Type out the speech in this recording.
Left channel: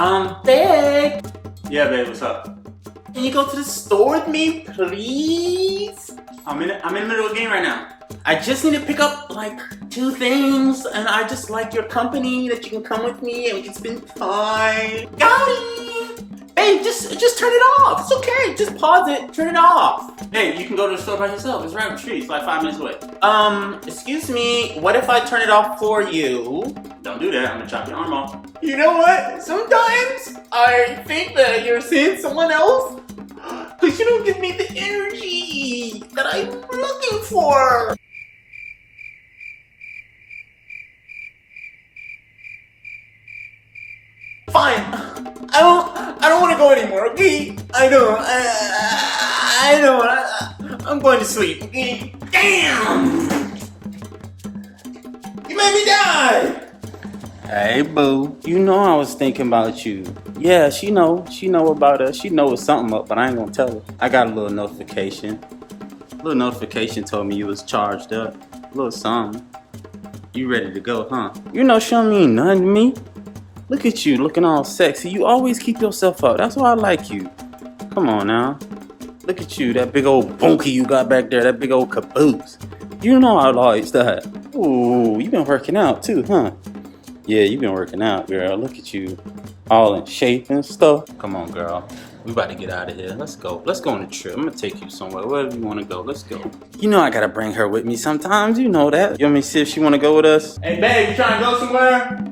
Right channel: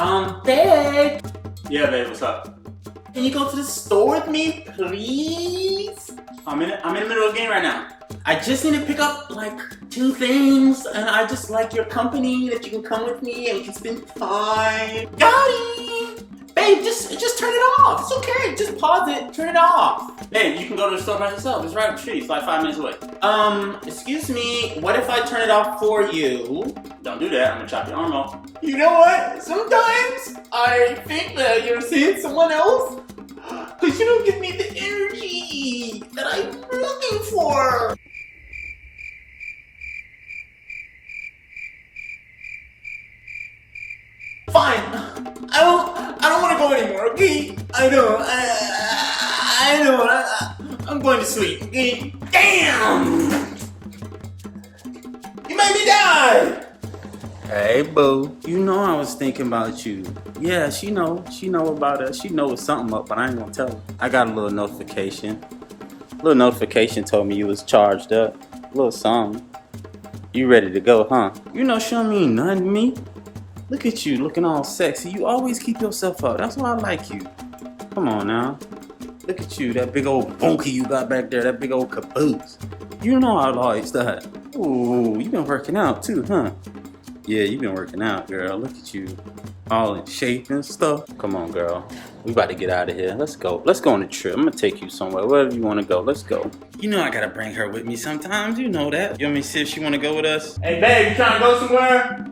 Babe. Yeah, babe, what's up? Can you go to the store with me, please? I'm in the middle of a game right now. I just need to pick up like 2 things, and I just like your company that you can come with me and we can spend time. Got it! Babe, just turn it off. It's okay. Just pause it. Turn it off. Hey, you can go to the store by yourself. It's right up the street. It's like 5 minutes away. Excuse me. What if I turn it off for you? Don't do that. I'm gonna chop your arm off. You know what? Sometimes I think that you're seeing someone else because you don't give me the energy that I'm looking for. Fine. I don't want to go anymore, okay? I'm going to sleep, okay? Damn! You made me die! Hey, boo. You know I was thinking about you. Yeah, she know about us. She know it's something up, but I ain't gonna tell her. I got a little notification. Little notification told me you was charged up. A little something. You ready to go, huh? You know she don't mean nothing to me. Look at you, looking all sexy. You always keep yourself up. That's why I like you. Come on now. Look at you, that big old bunkie you got back there, that big old caboose. You know I like that. Ooh, you been working out too, huh? Yeah, you been working out, girl. Look at you, all in shape and stuff. Come on, girl. We about to get out of here. Let's go. Let's go on a trip. I'm gonna take you somewhere. Wherever you wanna go, let's go. You know I gotta bring her with me sometimes. You know that. You want me to see if she wanna go with us? Hey, babe, you trying to go somewhere?